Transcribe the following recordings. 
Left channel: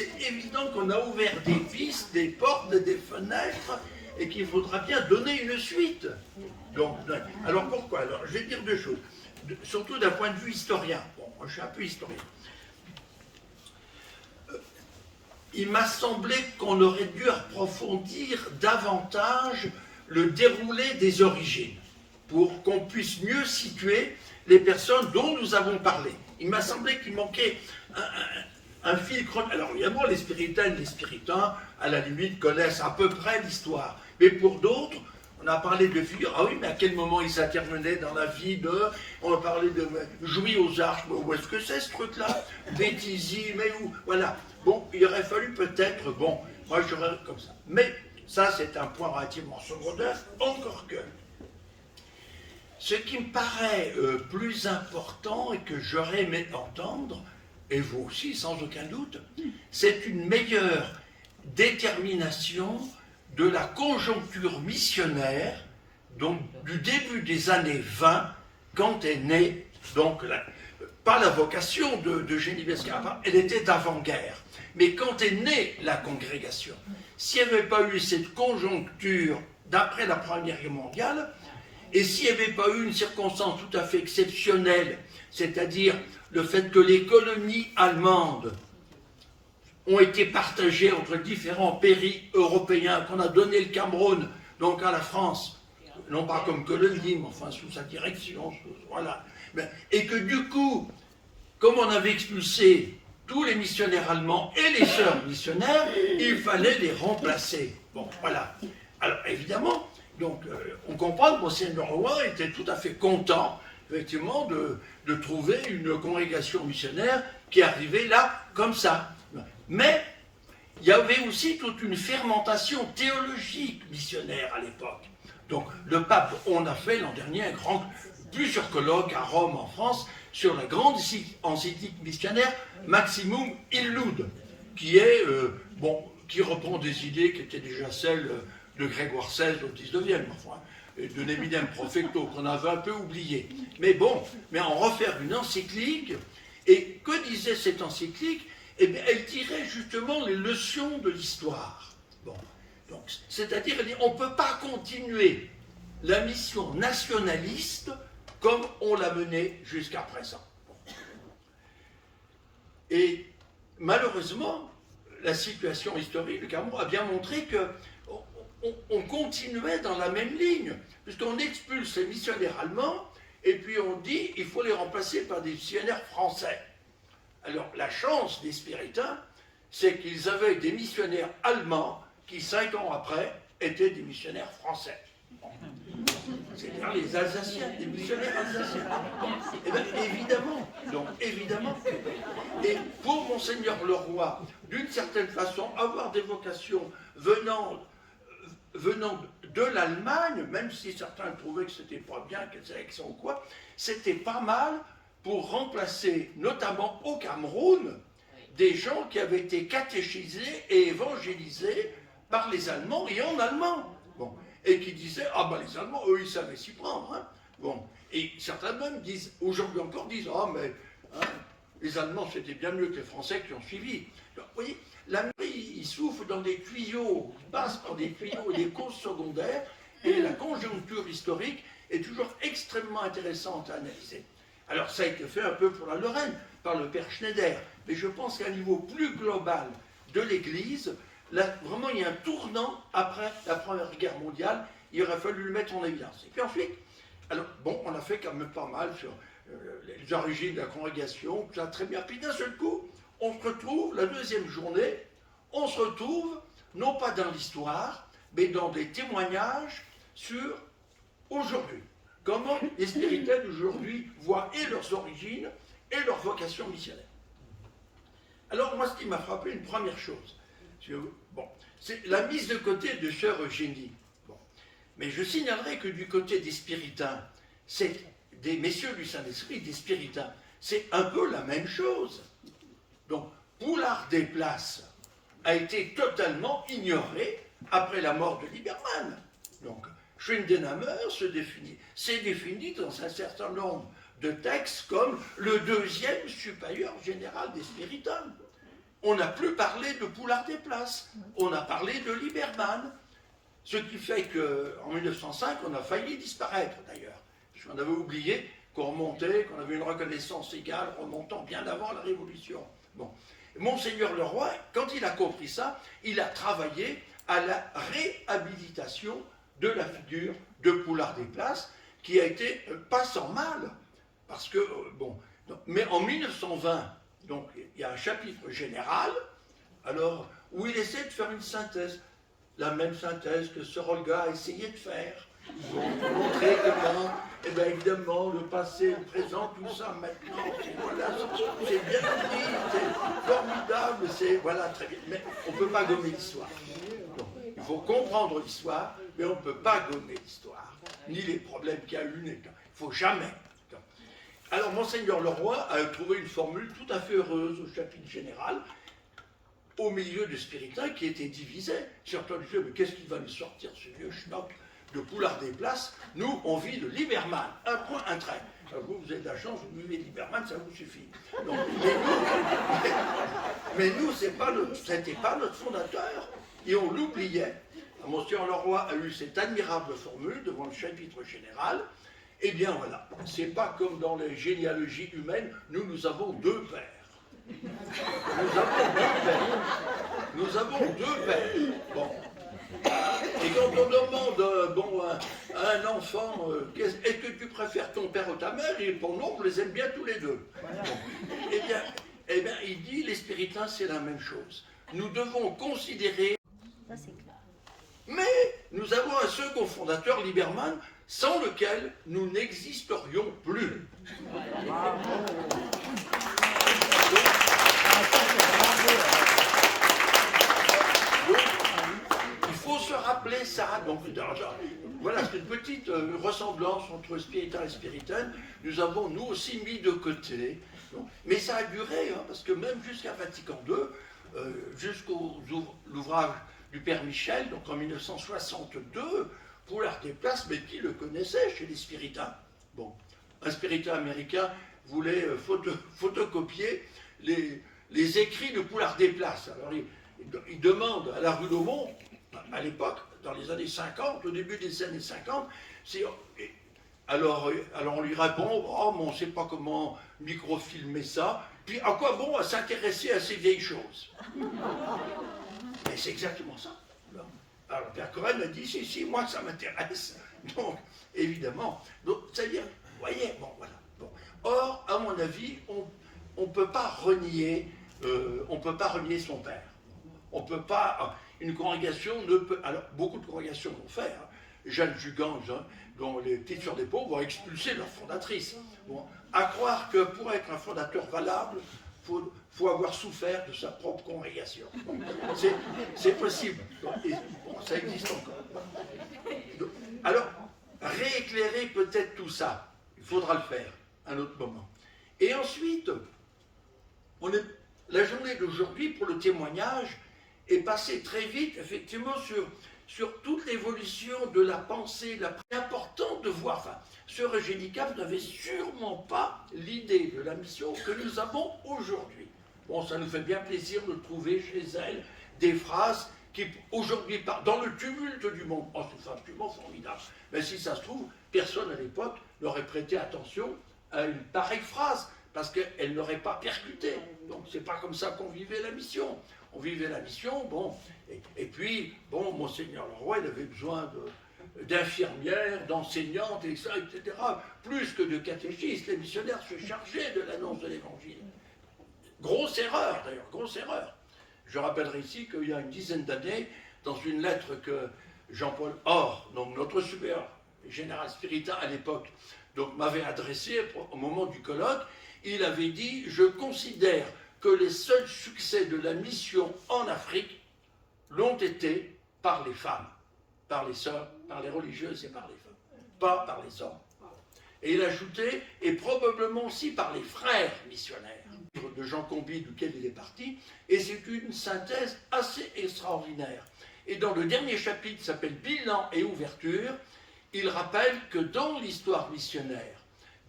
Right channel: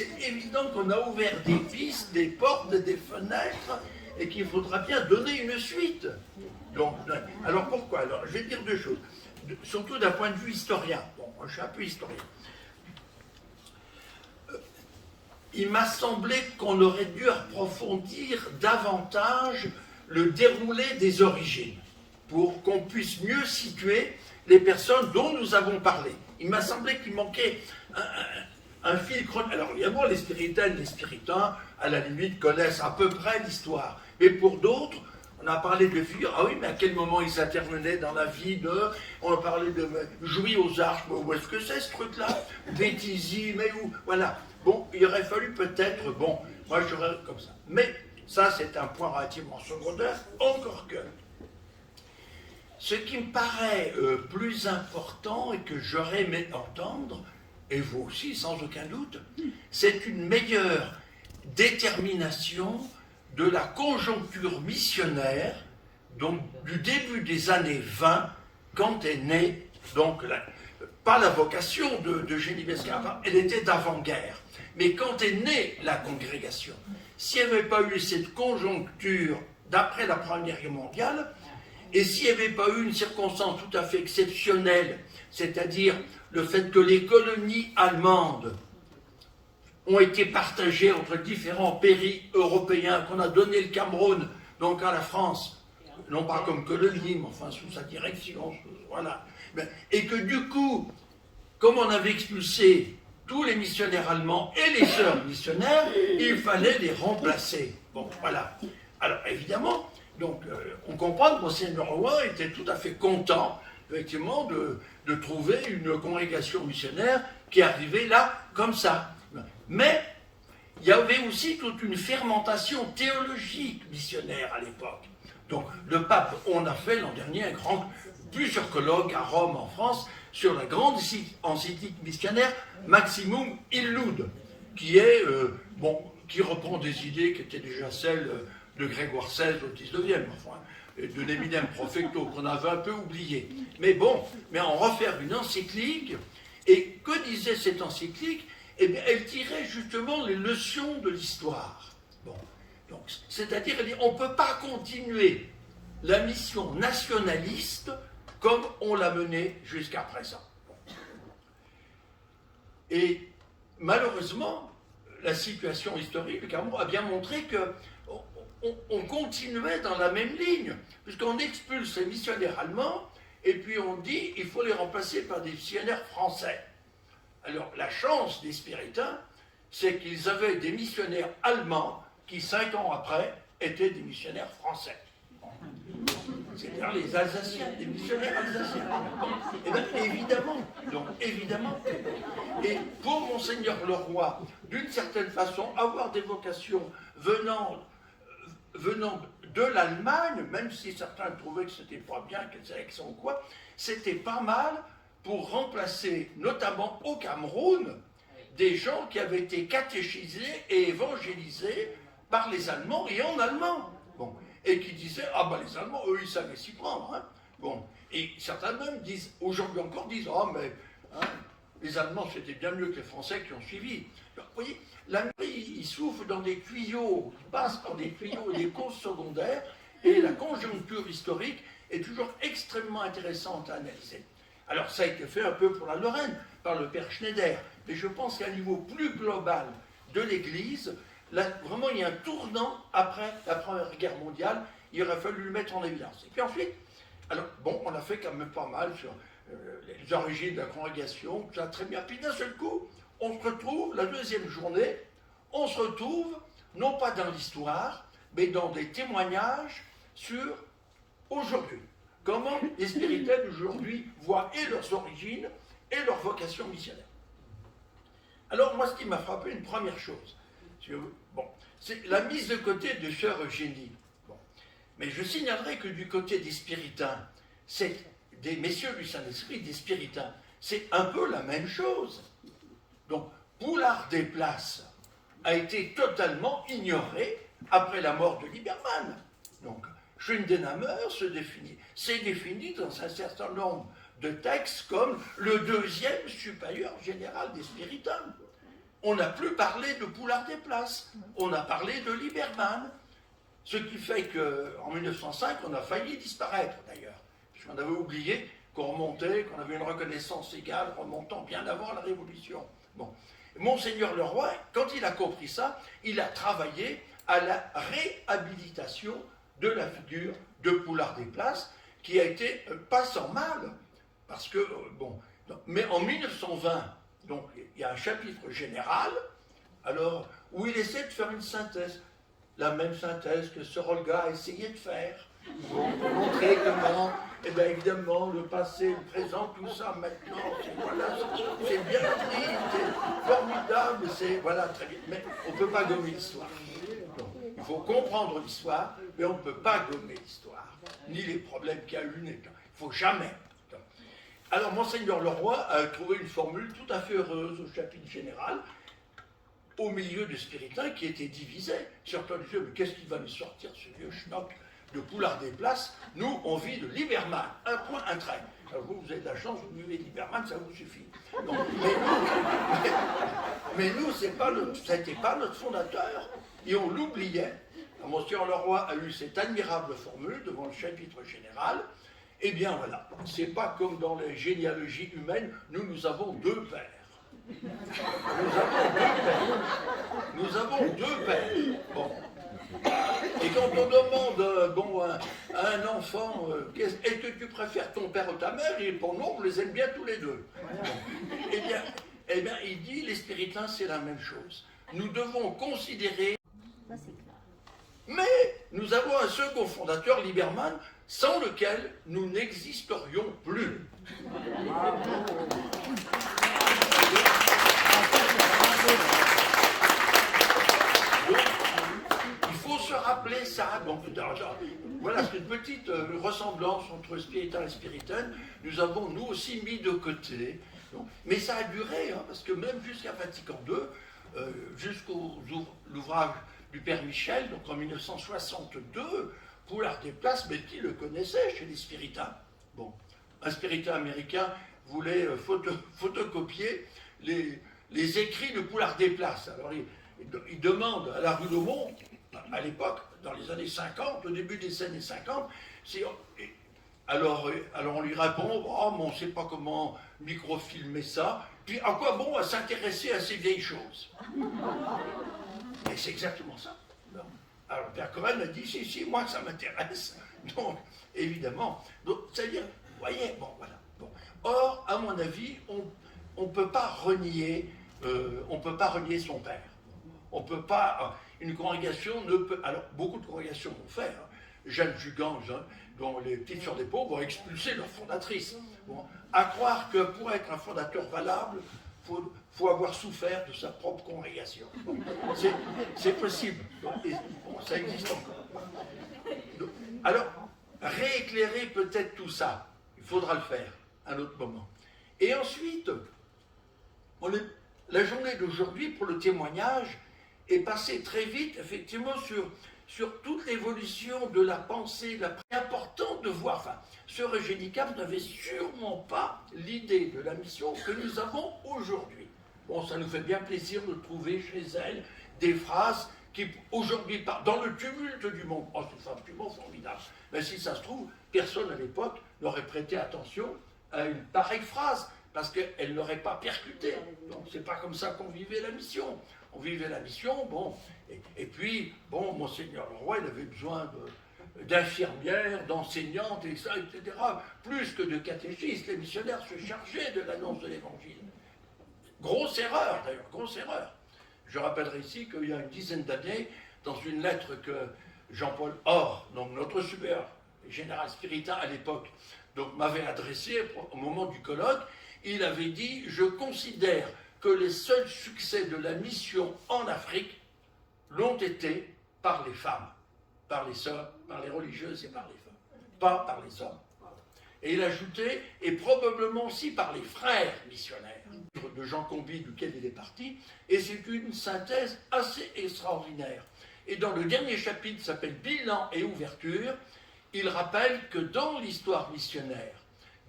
c'est évident qu'on a ouvert des pistes, des portes, des fenêtres, et qu'il faudra bien donner une suite. Donc, alors pourquoi? Alors, je vais dire deux choses, surtout d'un point de vue historien. Bon, moi je suis un peu historien. Il m'a semblé qu'on aurait dû approfondir davantage le déroulé des origines, pour qu'on puisse mieux situer les personnes dont nous avons parlé. Il m'a semblé qu'il manquait un fil chronologique. Alors évidemment, les spiritaines, les spiritains, à la limite, connaissent à peu près l'histoire. Mais pour d'autres, on a parlé de figures. Ah oui, mais à quel moment ils intervenaient dans la vie de... On a parlé de Jouy aux Arches, mais où est-ce que c'est ce truc-là? Béthisy, mais où? Voilà. Bon, il aurait fallu peut-être... Bon, moi j'aurais comme ça. Mais ça, c'est un point relativement secondaire, encore que... Ce qui me paraît plus important et que j'aurais aimé entendre, et vous aussi sans aucun doute, c'est une meilleure détermination de la conjoncture missionnaire, donc du début des années 20, quand est née, donc, pas la vocation de Génie Scarpa, elle était d'avant-guerre, mais quand est née la congrégation, s'il n'y avait pas eu cette conjoncture d'après la Première Guerre mondiale, et s'il n'y avait pas eu une circonstance tout à fait exceptionnelle, c'est-à-dire le fait que les colonies allemandes ont été partagées entre différents pays européens, qu'on a donné le Cameroun, donc à la France, non pas comme colonie, mais enfin sous sa direction, voilà. Et que du coup, comme on avait expulsé tous les missionnaires allemands et les sœurs missionnaires, il fallait les remplacer. Bon, voilà. Alors évidemment, donc, on comprend que Monseigneur Roy était tout à fait content, effectivement, de trouver une congrégation missionnaire qui arrivait là, comme ça. Mais il y avait aussi toute une fermentation théologique missionnaire à l'époque. Donc, le pape, on a fait l'an dernier plusieurs colloques à Rome, en France, sur la grande encyclique missionnaire Maximum Illud, qui est, qui reprend des idées qui étaient déjà celles de Grégoire XVI au XIXe, enfin, de l'Eminem Profecto, qu'on avait un peu oublié. Mais bon, mais en refaire une encyclique, et que disait cette encyclique? Eh bien, elle tirait justement les leçons de l'histoire. Bon, donc, c'est-à-dire, elle dit, on ne peut pas continuer la mission nationaliste comme on l'a menée jusqu'à présent. Bon. Et malheureusement, la situation historique du Cameroun a bien montré que on continuait dans la même ligne, puisqu'on expulse les missionnaires allemands, et puis on dit il faut les remplacer par des missionnaires français. Alors la chance des spiritains, c'est qu'ils avaient des missionnaires allemands qui, 5 ans après, étaient des missionnaires français. C'est-à-dire les Alsaciens, des missionnaires alsaciens. Eh bien, évidemment, donc évidemment. Et pour Monseigneur Leroy, d'une certaine façon, avoir des vocations venant de l'Allemagne, même si certains trouvaient que c'était pas bien, que c'était accent ou quoi, c'était pas mal pour remplacer, notamment au Cameroun, des gens qui avaient été catéchisés et évangélisés par les Allemands et en allemand. Bon. Et qui disaient, ah ben les Allemands, eux, ils savaient s'y prendre. Hein. Bon. Et certains même disent, aujourd'hui encore, disent, ah mais hein, les Allemands, c'était bien mieux que les Français qui ont suivi. Donc, vous voyez, l'Amérique, il souffle dans des tuyaux, il passe par des tuyaux et des causes secondaires, et la conjoncture historique est toujours extrêmement intéressante à analyser. Alors, ça a été fait un peu pour la Lorraine, par le père Schneider, mais je pense qu'à un niveau plus global de l'Église, là, vraiment, il y a un tournant après la Première Guerre mondiale, il aurait fallu le mettre en évidence. Et puis ensuite, alors, bon, on a fait quand même pas mal sur les origines de la congrégation, tout ça très bien. Puis d'un seul coup, on se retrouve, la deuxième journée, on se retrouve, non pas dans l'histoire, mais dans des témoignages sur aujourd'hui. Comment les spirituels d'aujourd'hui voient et leurs origines et leur vocation missionnaire. Alors, moi, ce qui m'a frappé, une première chose, bon, c'est la mise de côté de sœur Eugénie. Bon. Mais je signalerai que du côté des spiritains, c'est des messieurs du Saint-Esprit, des spiritains, c'est un peu la même chose. Donc, Poulard des Places a été totalement ignoré après la mort de Liebermann. Donc, Schwindenhammer s'est défini dans un certain nombre de textes comme le deuxième supérieur général des spiritains. on n'a plus parlé de Poulard des Places, on a parlé de Lieberman. Ce qui fait qu'en 1905, on a failli disparaître d'ailleurs. Parce qu'on avait oublié qu'on remontait, qu'on avait une reconnaissance égale remontant bien avant la Révolution. Bon. Monseigneur Leroy, quand il a compris ça, il a travaillé à la réhabilitation de la figure de Poulard des Places, qui a été pas sans mal, parce que, mais en 1920, donc il y a un chapitre général, alors, où il essaie de faire une synthèse, la même synthèse que Sir Olga a essayé de faire, pour montrer comment, eh bien évidemment, le passé, le présent, tout ça, maintenant, voilà, c'est bien pris, c'est formidable, c'est, voilà, très bien, mais on ne peut pas gommer l'histoire. Il faut comprendre l'histoire, mais on ne peut pas gommer l'histoire, ni les problèmes qu'il y a eu, il ne faut jamais. Alors, Monseigneur Leroy a trouvé une formule tout à fait heureuse au chapitre général, au milieu du spiritain qui était divisé. Certains disaient, mais qu'est-ce qu'il va nous sortir, ce vieux schnock de Poulard des Places? Nous, on vit de Lieberman, un point, un trait. Alors vous avez de la chance, vous vivez Lieberman, ça vous suffit. Donc, mais nous, c'était pas notre fondateur, et on l'oubliait. Monseigneur Leroy a eu cette admirable formule devant le chapitre général. Eh bien voilà, c'est pas comme dans les généalogies humaines, nous avons deux pères. Nous avons deux pères. Bon. Et quand on demande à un enfant est-ce que tu préfères ton père ou ta mère, il répond non, on les aime bien tous les deux. Bon. Eh bien, il dit les spiritains, c'est la même chose. Nous devons considérer. Mais nous avons un second fondateur, Lieberman, sans lequel nous n'existerions plus. Il faut se rappeler ça. Donc, voilà, c'est une petite ressemblance entre spiritain et spiritaine. Nous avons, nous aussi, mis de côté. Donc, mais ça a duré, hein, parce que même jusqu'à Vatican II, jusqu'au l'ouvrage du Père Michel, donc en 1962, Poulard des Places, mais qui le connaissait chez les spiritains? Bon, un spiritain américain voulait photocopier les écrits de Poulard des Places. Alors il demande à la rue d'Aumont, à l'époque, dans les années 50, au début des années 50, alors on lui répond, oh, mais on ne sait pas comment microfilmer ça, puis à quoi bon à s'intéresser à ces vieilles choses? Et c'est exactement ça. Alors Père Cohen a dit, si, moi ça m'intéresse. Donc, évidemment, c'est-à-dire, vous voyez, bon, voilà. Bon. Or, à mon avis, on ne peut pas renier son père. On ne peut pas, une congrégation ne peut, alors beaucoup de congrégations vont faire, hein. Jeanne Jugange, hein, dont les petites sœurs des pauvres vont expulser leur fondatrice. Bon, à croire que pour être un fondateur valable, faut avoir souffert de sa propre congrégation. Bon, c'est possible. Bon, ça existe encore. Donc, alors, rééclairer peut-être tout ça, il faudra le faire à un autre moment. Et ensuite, la journée d'aujourd'hui, pour le témoignage, est passée très vite, effectivement, sur toute l'évolution de la pensée. C'est important de voir, enfin, Sœur Eugénie Cap n'avait sûrement pas l'idée de la mission que nous avons aujourd'hui. Bon, ça nous fait bien plaisir de trouver chez elle des phrases qui, aujourd'hui, dans le tumulte du monde, oh, c'est absolument formidable. Mais si ça se trouve, personne à l'époque n'aurait prêté attention à une pareille phrase, parce qu'elle n'aurait pas percuté. Donc, c'est pas comme ça qu'on vivait la mission. On vivait la mission, bon, et puis, bon, Monseigneur Leroy, il avait besoin d'infirmières, d'enseignantes, et ça, etc. Plus que de catéchistes, les missionnaires se chargeaient de l'annonce de l'Évangile. Grosse erreur, d'ailleurs, grosse erreur. Je rappellerai ici qu'il y a une dizaine d'années, dans une lettre que Jean-Paul Or, donc notre supérieur général spiritain à l'époque, donc m'avait adressée au moment du colloque, il avait dit « Je considère que les seuls succès de la mission en Afrique l'ont été par les femmes, par les sœurs, par les religieuses et par les femmes, pas par les hommes. » Et il ajoutait, et probablement aussi par les frères missionnaires, de Jean Comby, duquel il est parti, et c'est une synthèse assez extraordinaire. Et dans le dernier chapitre, qui s'appelle « Bilan et ouverture », il rappelle que dans l'histoire missionnaire,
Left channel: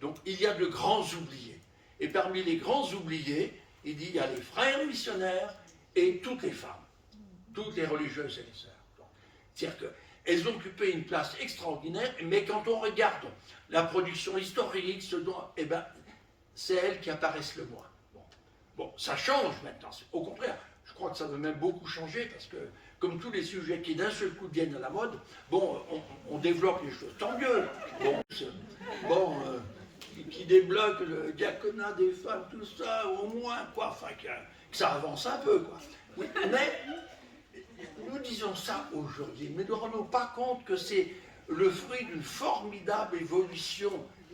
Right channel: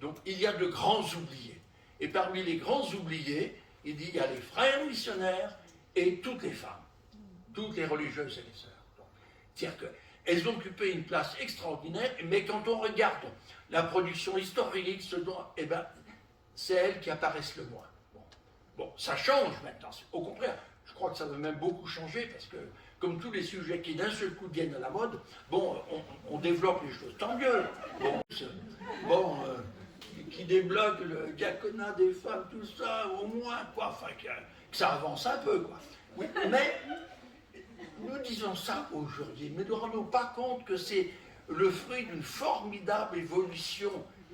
donc il y a de grands oubliés. Et parmi les grands oubliés, il dit il y a les frères missionnaires et toutes les femmes, toutes les religieuses et les sœurs. C'est-à-dire qu'elles occupaient une place extraordinaire, mais quand on regarde la production historique, eh ben, c'est elles qui apparaissent le moins. Bon, ça change maintenant, au contraire, je crois que ça va même beaucoup changer, parce que, comme tous les sujets qui d'un seul coup deviennent à la mode, bon, on développe les choses, tant mieux. Qui débloque le diaconat des femmes, tout ça, au moins, quoi, enfin, que ça avance un peu, quoi. Oui, mais nous disons ça aujourd'hui, mais ne nous rendons pas compte que c'est le fruit d'une formidable évolution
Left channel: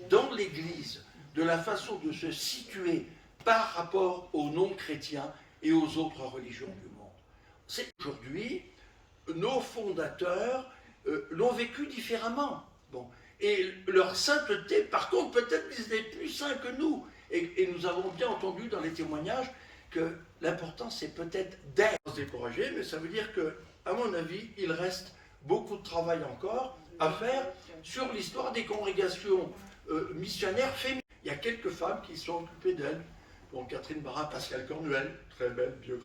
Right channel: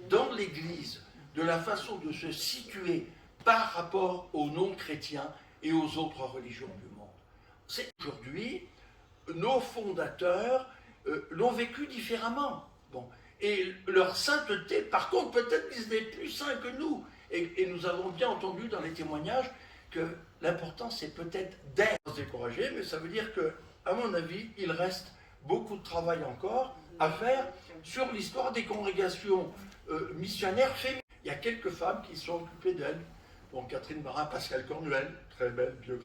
dans l'Église, de la façon de se situer par rapport aux non-chrétiens et aux autres religions du monde. C'est aujourd'hui, nos fondateurs l'ont vécu différemment. Bon. Et leur sainteté, par contre, peut-être qu'ils étaient plus saints que nous. Et nous avons bien entendu dans les témoignages que l'important, c'est peut-être d'être découragé, mais ça veut dire que, à mon avis, il reste beaucoup de travail encore à faire sur l'histoire des congrégations missionnaires féminines. Il y a quelques femmes qui sont occupées d'elles. Bon, Catherine Barin, Pascal Cornuel, très belle biographie.